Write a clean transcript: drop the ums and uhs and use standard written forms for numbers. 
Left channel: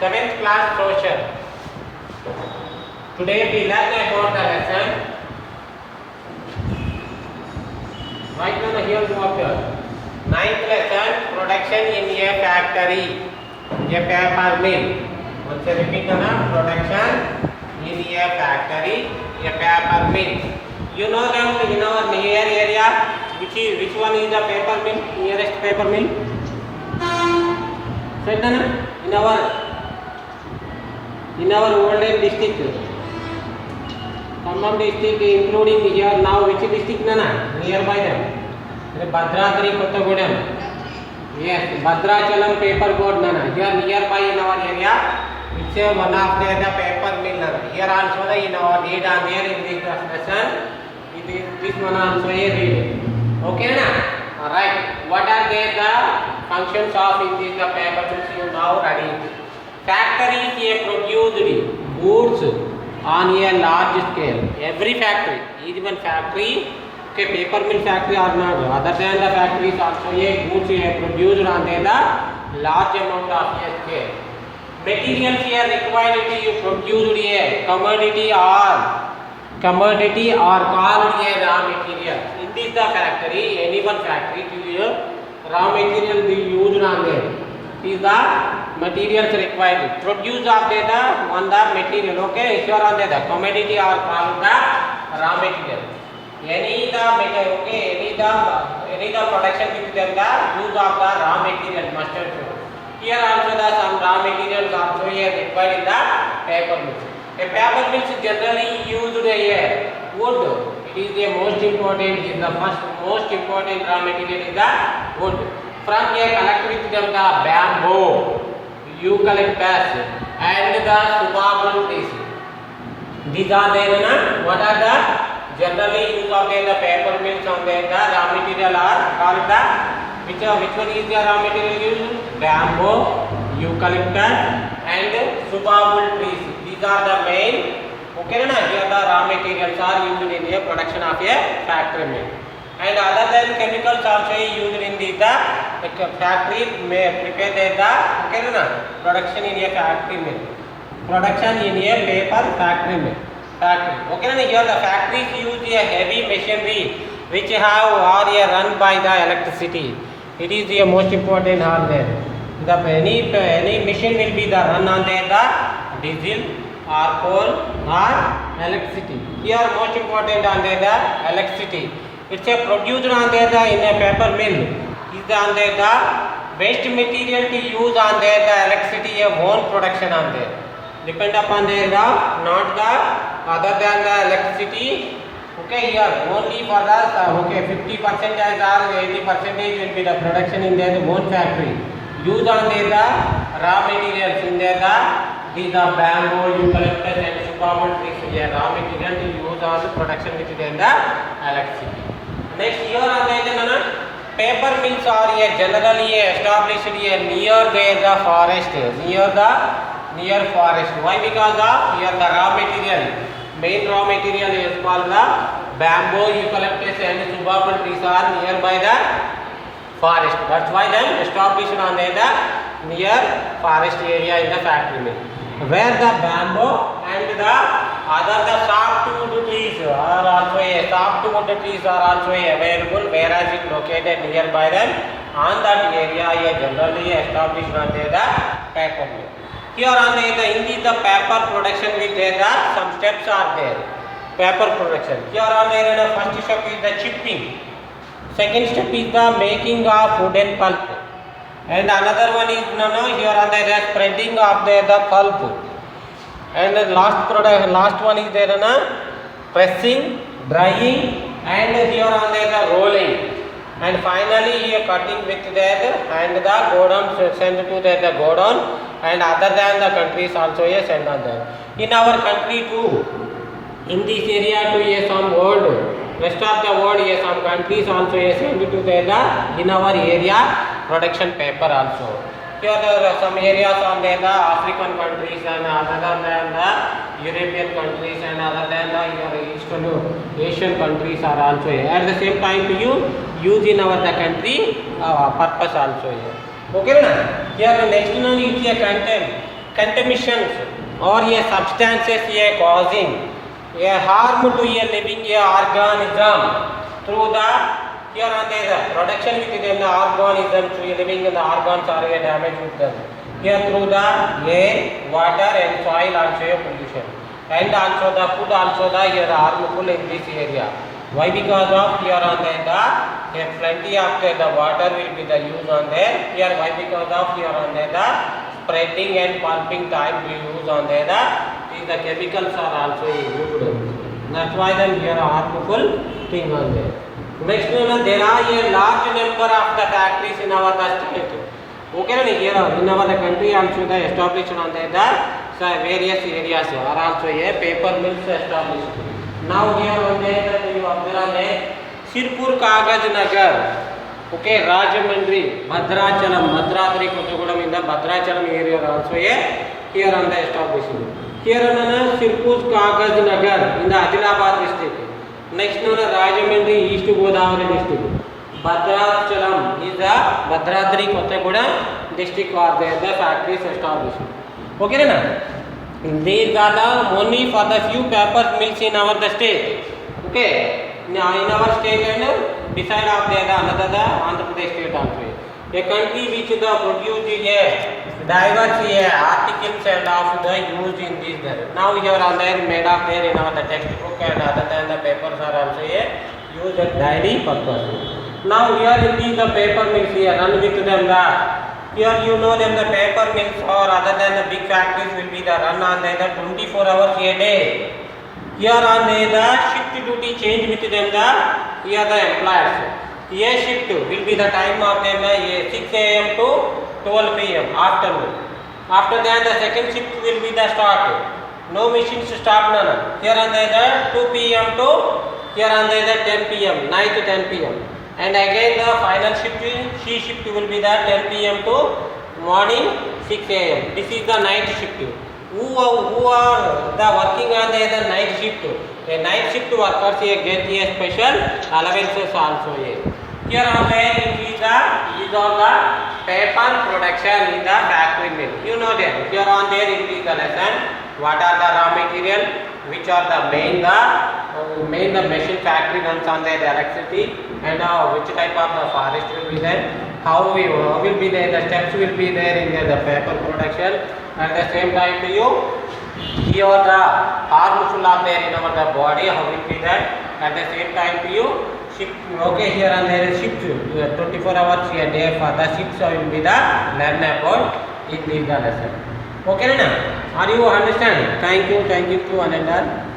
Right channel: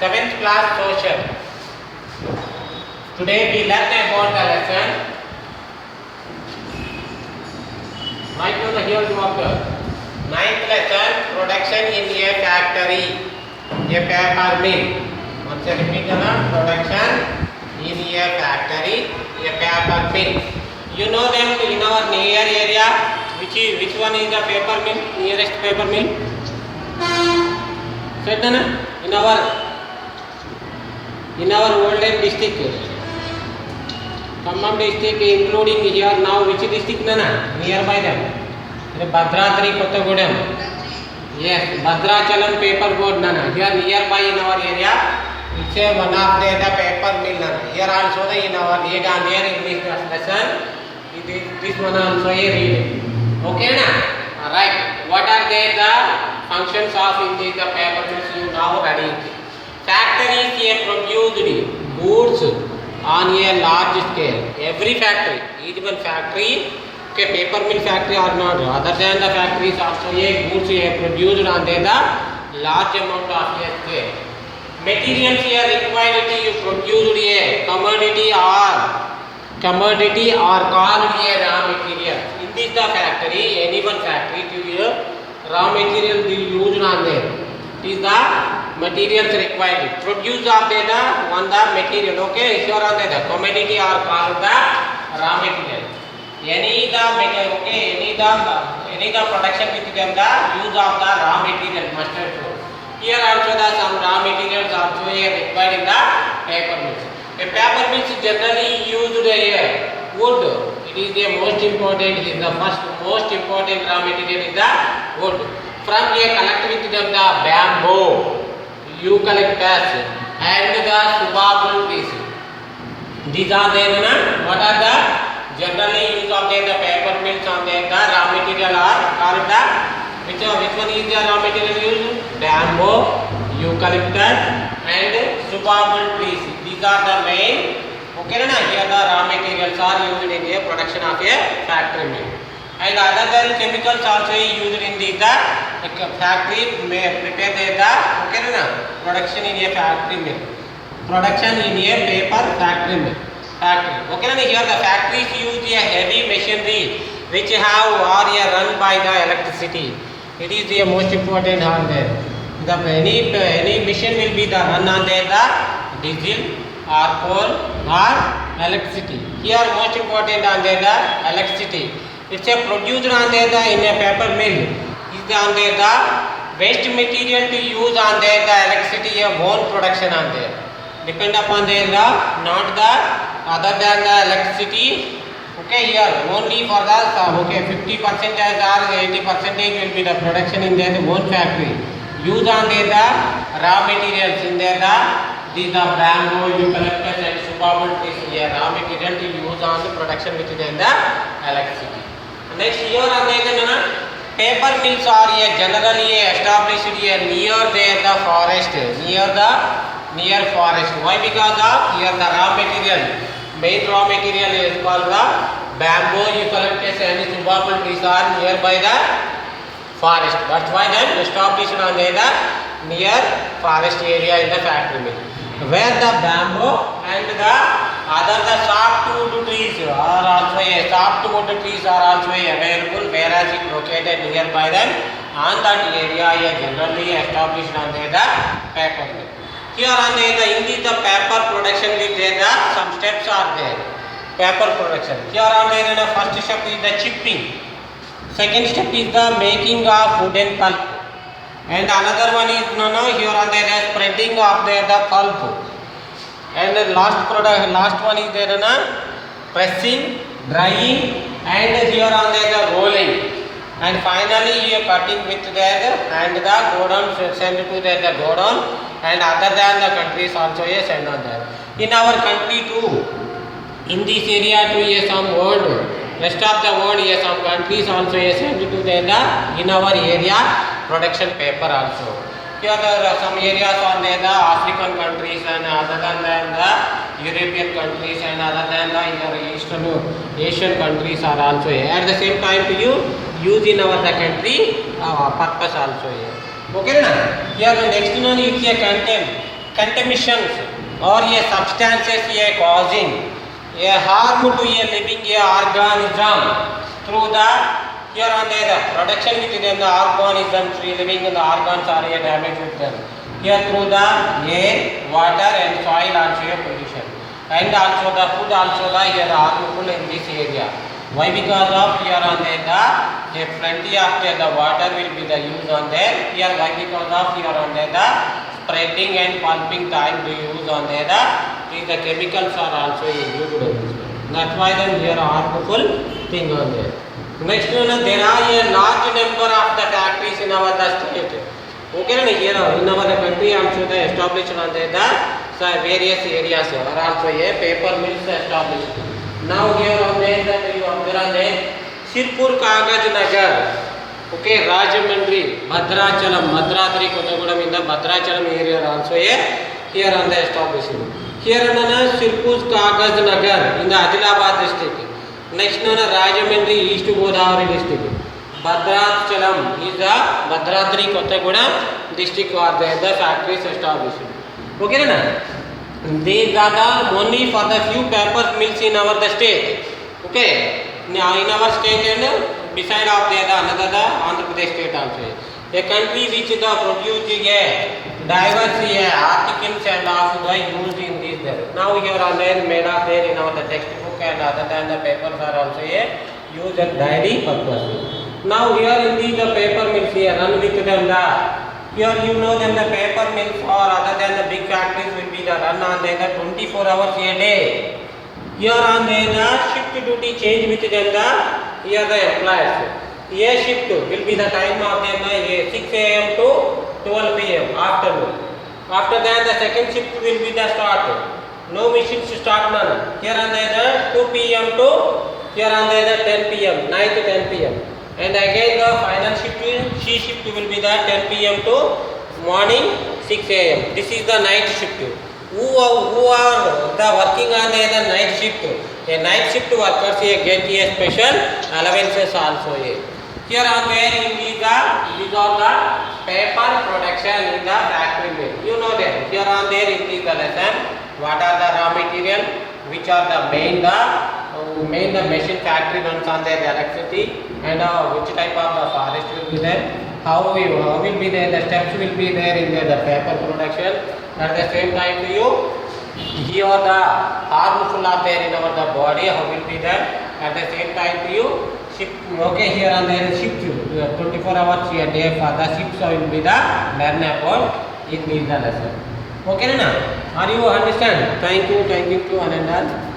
7th class social. Today we learn about the lesson. Right now the here you observe. 9th lesson, production in a factory, a paper mill. Once I repeat the production in a factory, a paper mill. You know them in our near area. Which one is the paper mill? Nearest paper mill? Said na? In our olden district, Khammam district, including here now, which district nana? Nearby them. Bhadradri, Kottagudem. Yes, Bhadrachalam paper board nana. Here nearby in our area, it's one of the paper mill nana. Here also in our near in this lesson, this one also a read. Okay na? Alright. What are the functions of in this paper mills you now ready? Factories produced goods on a large scale. Every factory, each one factory, paper mill factory or not, other than the factories also goods produced on the large amount of scale. Materials required to produce a commodity or called a raw material. In this the factory, any one factory to raw material be used on there. It is the materials required. Produce of the one the material. Okay, here on the commodity or called the raw material. Any the production with them the use of the raw material must have. Here also the some raw materials also required in the paper mills. A paper mills generally used wood. It is the most important. Is the most important raw material is the wood. From collect with them the bamboo, eucalyptus, and the subabul trees. These are what are the generally used of the paper mills on the raw material are called the which one is the raw material used? Bamboo, eucalyptus, and subabul trees. These are the main. Okay, na? Here the raw materials are used in the production of a factory mill. And other than chemicals also used in the factory may prepare the production in a factory mill. Production in a paper factory mill. Okay, na? Here the factories use a heavy machinery which have or run by the electricity. It is the most important on there. Any machine will be the run on the diesel or coal or electricity. Here most important on the electricity. It's produced on the in a paper mill. Is on the waste material to use on the electricity own production on there. Depend upon the not the other than the electricity. Okay, here only for the 50% or 80% will be the production in the own factory. Use on the raw materials in the these are bamboo, eucalyptus, and subabul trees. Raw material to use on the production which is in the electricity. Next here on the paper mills are generally established near the forest, near forest. Why? Because of here the raw material, main raw material is called the bamboo, eucalyptus, and subabul trees are nearby the forest. That's why they established on the near forest area in the factory mill. Where the bamboo and the other the softwood trees are also softwood trees are also available, whereas it located nearby them on that area generally established on the paper mill. Here on the in the paper production with some steps are there. Paper production. Here on the first step is the chipping. Second step is the making of wooden pulp. And another one is here on the spreading of the pulp. And the last one is there pressing, drying, and here on the rolling. And finally you cutting with that and the go down send to the go down, and other than the countries also send on that. In our country too, in this area too some world, rest of the world some countries also send to the in our area production paper also. Here there are some areas on the African countries, and other than the European countries, and other than the Eastern Asian countries are also here. At the same time to use in our country purpose also here. Okay na? Here the next one is a content. contaminations or a substances a causing a harm to a living a organism through the here on the production within the organism through living in the organs or a damage with them here through the air, water and soil also a pollution and also the food also the here harmful in this area. Why? Because of here on the plenty of the water will be the use on there here. Why? Because of here on the spreading and pumping time to use on there the chemicals are also used. That's why then here are harmful thing on there. Next one, there are a large number of the factories in our state. Okay, here in our country also the established on there the various areas are also a paper mills established. Now here on there you observe the Sirpur Kagaz Nagar, okay, Rajahmundry, Bhadrachalam, Bhadradri Kottagudem in the Bhadrachalam area also here on the establishment. Here on Sirpur Kagaz Nagar in the Adilabad district. Next one Rajahmundry, East Godavari district. Bhadrachalam is the Bhadradri Kottagudem district or the factories established. Okay, na? These are the only for the few paper mills in our the state. Okay, now in our state and beside of the another the Andhra Pradesh state also. A country which the produce a diverse articles and also the used in this there. Now here are made of there in our the textbook and other than the papers are also used at daily purpose. Now here in the paper mills here run with them the here you know them the paper mills or other than the big factories will be the run on the 24 hours a day. Here on the shift duty change with them the here the employees. A shift will be the time of them 6 a.m. to 12 p.m. afternoon. After that the second shift will be the start. No machines to start none. Here on the 2 p.m. to here on the 10 p.m. 9 to 10 p.m. And again the final shift C shift will be the 10 p.m. to morning 6 a.m. This is the night shift. Who are the working on the night shift? A night shift workers get a special allowances also. Here are there these are the paper production in the factory mill. You know that. Here on there in the lesson what are the raw material, which are the main the machine factory runs on their electricity and which type of the forest will be there, how will be there, the steps will be there in the paper production. At the same time to you here the harmful of there in our the body, how will be that. At the same time to you shift, okay, here and there is shift 24 hours a day for the shifts will be the learn about in the lesson. Okay na? Are you understand? Thank you to Ananda.